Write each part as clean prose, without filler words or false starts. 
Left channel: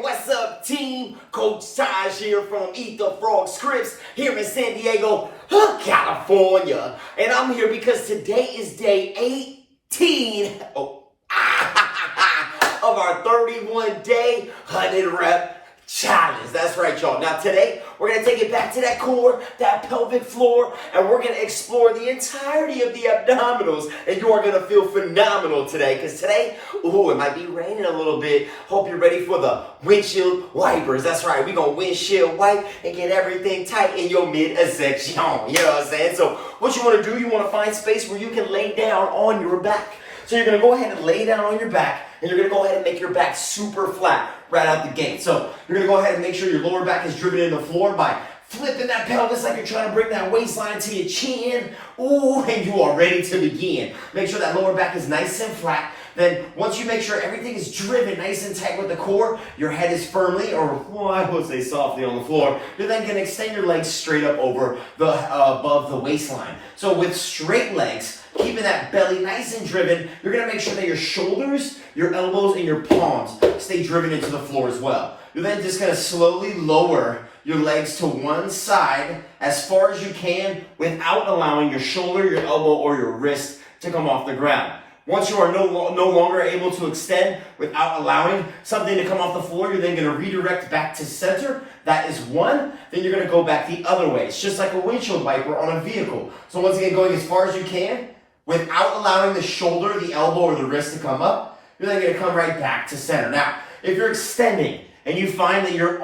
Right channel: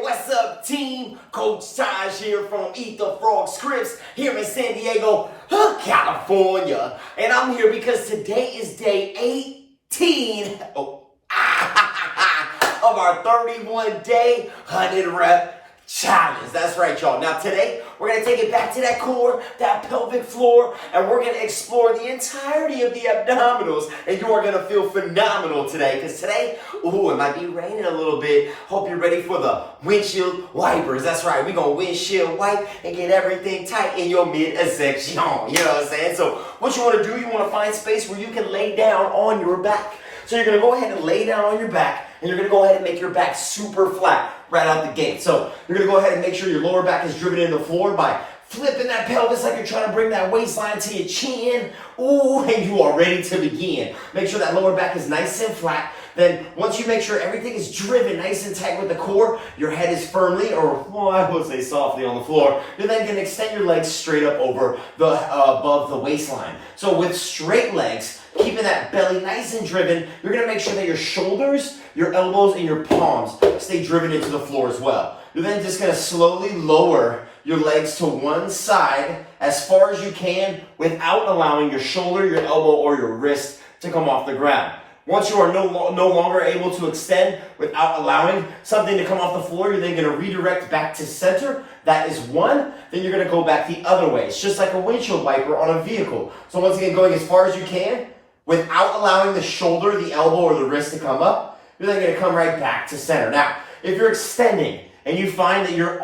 What's up, team? Coach Taj here from ETFF Scripps here in San Diego, California. And I'm here because today is day 18 of our 31-day 100-rep challenge. That's right, y'all. Now today, we're going to take it back to that core, that pelvic floor, and we're going to explore the entirety of the abdominals. And you are going to feel phenomenal today, because today, it might be raining a little bit. Hope you're ready for the windshield wipers. That's right. We're going to windshield wipe and get everything tight in your midsection. You know what I'm saying? So what you want to do, you want to find space where you can lay down on your back. So you're going to go ahead and lay down on your back, and you're going to go ahead and make your back super flat right out the gate. So you're going to go ahead and make sure your lower back is driven into the floor by flipping that pelvis like you're trying to bring that waistline to your chin. Ooh, and you are ready to begin. Make sure that lower back is nice and flat. Then once you make sure everything is driven nice and tight with the core, your head is firmly, or I would say softly, on the floor. You're then going to extend your legs straight up over the above the waistline. So with straight legs, keeping that belly nice and driven, you're going to make sure that your shoulders, your elbows, and your palms stay driven into the floor as well. You're then just going to slowly lower your legs to one side as far as you can without allowing your shoulder, your elbow, or your wrist to come off the ground. Once you are no longer able to extend without allowing something to come off the floor, you're then going to redirect back to center. That is one. Then you're going to go back the other way. It's just like a windshield wiper on a vehicle. So once again, going as far as you can without allowing the shoulder, the elbow, or the wrist to come up, you're then going to come right back to center. Now, if you're extending and you find that you're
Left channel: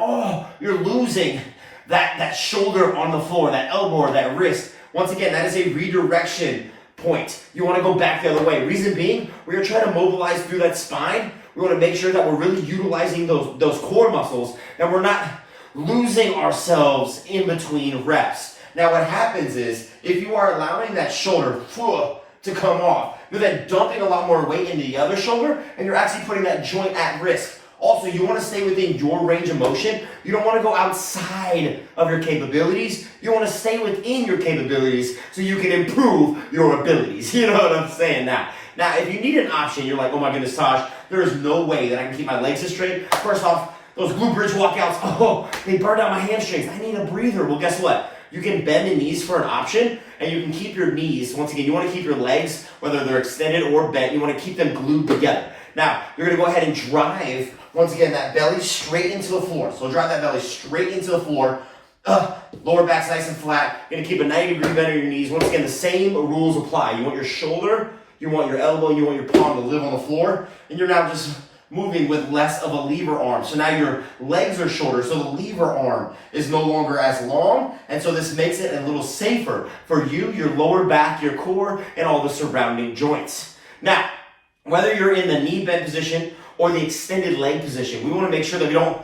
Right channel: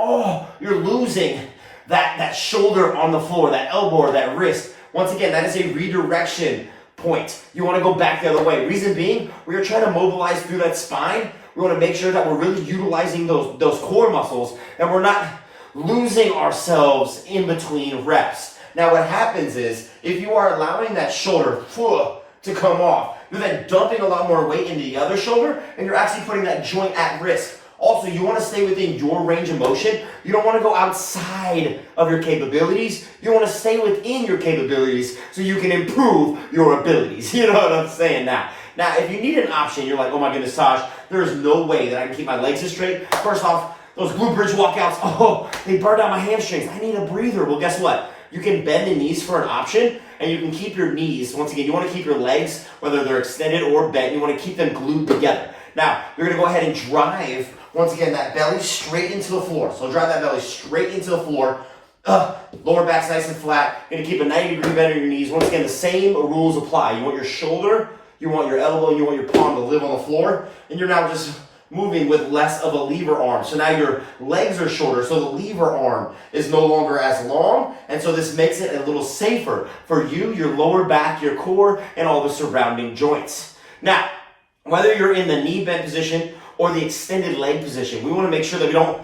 losing that shoulder on the floor, that elbow or that wrist, once again, that is a redirection point. You want to go back the other way. Reason being, we are trying to mobilize through that spine. We want to make sure that we're really utilizing those core muscles, and we're not losing ourselves in between reps. Now what happens is, if you are allowing that shoulder to come off, you're then dumping a lot more weight into the other shoulder, and you're actually putting that joint at risk. Also, you want to stay within your range of motion. You don't want to go outside of your capabilities. You want to stay within your capabilities so you can improve your abilities. You know what I'm saying now? Now, if you need an option, you're like, oh my goodness, Taj, there is no way that I can keep my legs straight. First off, those glute bridge walkouts, they burn down my hamstrings. I need a breather. Well, guess what? You can bend the knees for an option, and you can keep your knees. Once again, you want to keep your legs, whether they're extended or bent, you want to keep them glued together. Now, you're going to go ahead and drive, once again, that belly straight into the floor. So drive that belly straight into the floor. Lower back's nice and flat. You're going to keep a 90-degree bend in your knees. Once again, the same rules apply. You want your shoulder, you want your elbow, and you want your palm to live on the floor. And you're now just moving with less of a lever arm. So now your legs are shorter, so the lever arm is no longer as long. And so this makes it a little safer for you, your lower back, your core, and all the surrounding joints. Now, whether you're in the knee bend position or the extended leg position, we want to make sure that we don't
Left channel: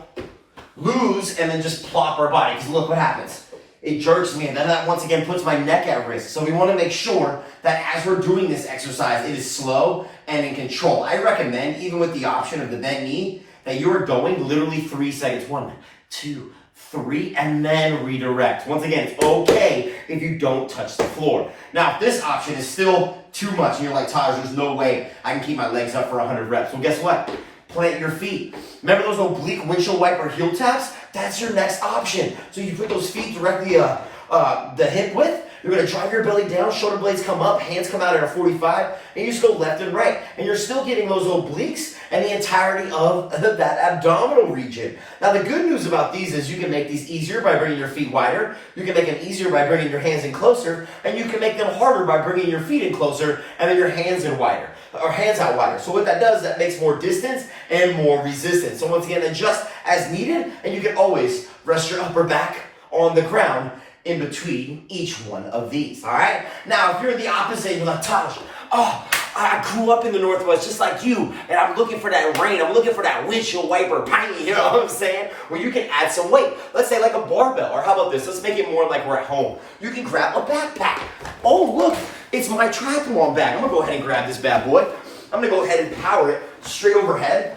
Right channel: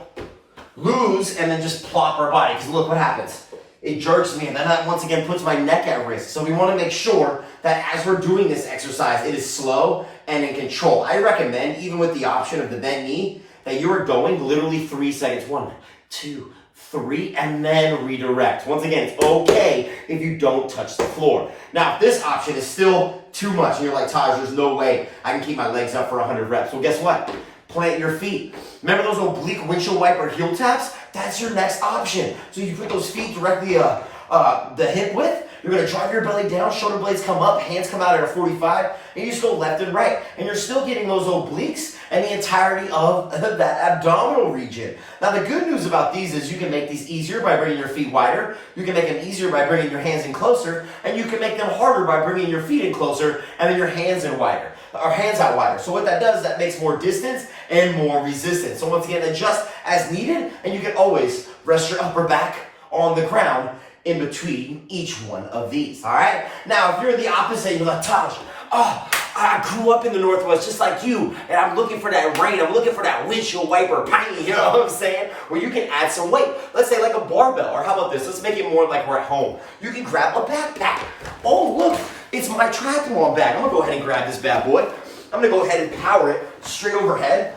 lose and then just plop our body. Because look what happens. It jerks me, and then that once again puts my neck at risk. So we want to make sure that as we're doing this exercise, it is slow and in control. I recommend, even with the option of the bent knee, that you are going literally 3 seconds. 1, 2, 3, and then redirect. Once again, it's okay if you don't touch the floor. Now, if this option is still too much, and you're like, Taj, there's no way I can keep my legs up for 100 reps. Well, guess what? Plant your feet. Remember those oblique windshield wiper heel taps? That's your next option. So you put those feet directly the hip width. You're going to drive your belly down, shoulder blades come up, hands come out at a 45, and you just go left and right. And you're still getting those obliques and the entirety of that abdominal region. Now, the good news about these is you can make these easier by bringing your feet wider. You can make them easier by bringing your hands in closer. And you can make them harder by bringing your feet in closer and then your hands in wider, or hands out wider. So what that does, that makes more distance and more resistance. So once again, adjust as needed, and you can always rest your upper back on the ground in between each one of these, all right? Now, if you're the opposite, you're like, Taj, I grew up in the Northwest just like you, and I'm looking for that rain. I'm looking for that windshield wiper bang, you know what I'm saying? Where you can add some weight. Let's say like a barbell, or how about this? Let's make it more like we're at home. You can grab a backpack. Oh, look, it's my triathlon bag. I'm gonna go ahead and grab this bad boy. I'm gonna go ahead and power it straight overhead,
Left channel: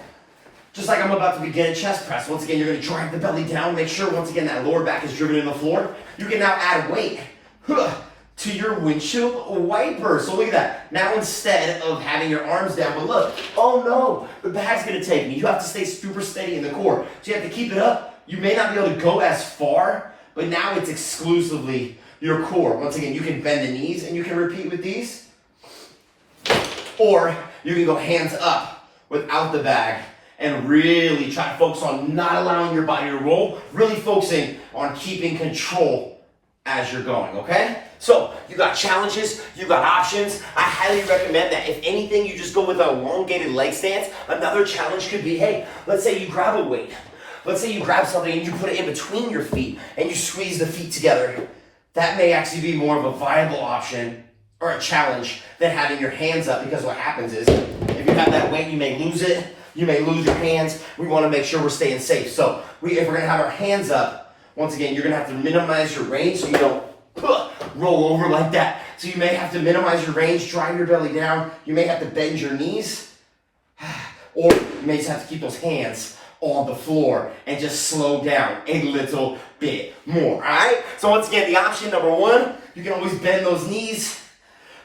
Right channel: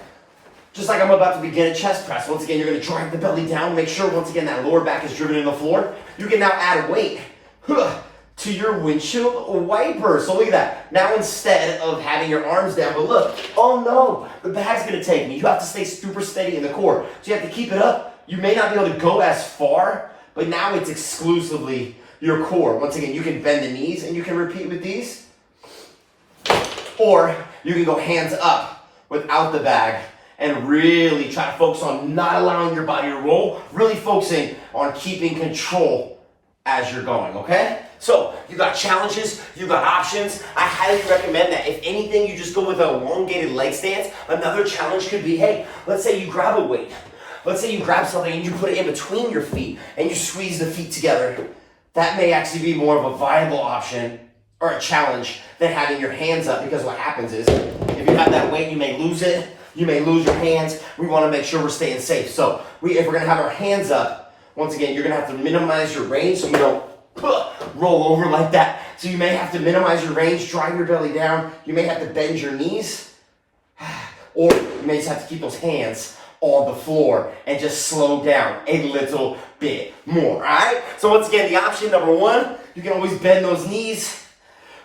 just like I'm about to begin a chest press. Once again, you're gonna drive the belly down. Make sure, once again, that lower back is driven in the floor. You can now add weight to your windshield wiper. So look at that. Now instead of having your arms down, but look, oh no, the bag's gonna take me. You have to stay super steady in the core. So you have to keep it up. You may not be able to go as far, but now it's exclusively your core. Once again, you can bend the knees and you can repeat with these. Or you can go hands up without the bag and really try to focus on not allowing your body to roll, really focusing on keeping control as you're going, okay? So you got challenges, you got options. I highly recommend that. If anything, you just go with a elongated leg stance. Another challenge could be, hey, let's say you grab a weight. Let's say you grab something and you put it in between your feet and you squeeze the feet together. That may actually be more of a viable option or a challenge than having your hands up, because what happens is if you have that weight, you may lose it. You may lose your hands. We want to make sure we're staying safe. So if we're going to have our hands up, once again, you're going to have to minimize your range so you don't roll over like that. So you may have to minimize your range, drive your belly down. You may have to bend your knees, or you may just have to keep those hands on the floor and just slow down a little bit more, all right? So once again, the option number one, you can always bend those knees.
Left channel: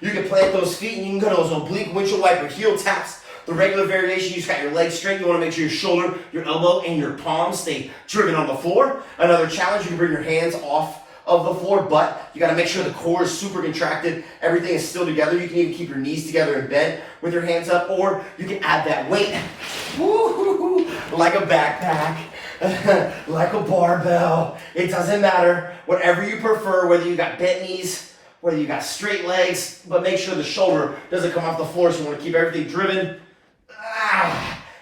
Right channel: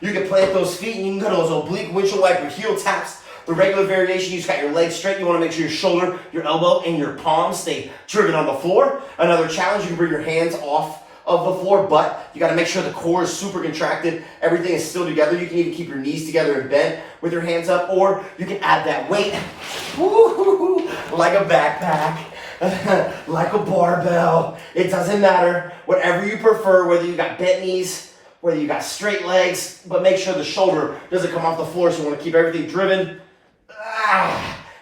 You can plant those feet and you can go to those oblique windshield wiper heel taps. The regular variation, you just got your legs straight. You want to make sure your shoulder, your elbow, and your palm stay driven on the floor. Another challenge, you can bring your hands off of the floor, but you got to make sure the core is super contracted. Everything is still together. You can even keep your knees together and bend with your hands up, or you can add that weight, like a backpack, like a barbell. It doesn't matter. Whatever you prefer, whether you got bent knees, whether you got straight legs, but make sure the shoulder doesn't come off the floor, so you want to keep everything driven.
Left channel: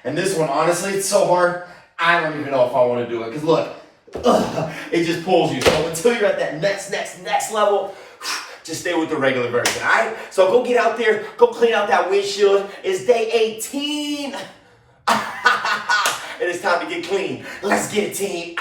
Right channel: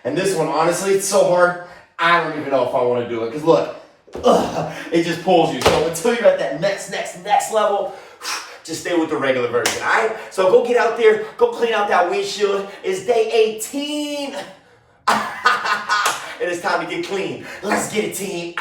And this one, honestly, it's so hard, I don't even know if I want to do it, because look, it just pulls you. So until you're at that next level, just stay with the regular version, all right? So go get out there, go clean out that windshield. It's day 18. It is time to get clean. Let's get it, team.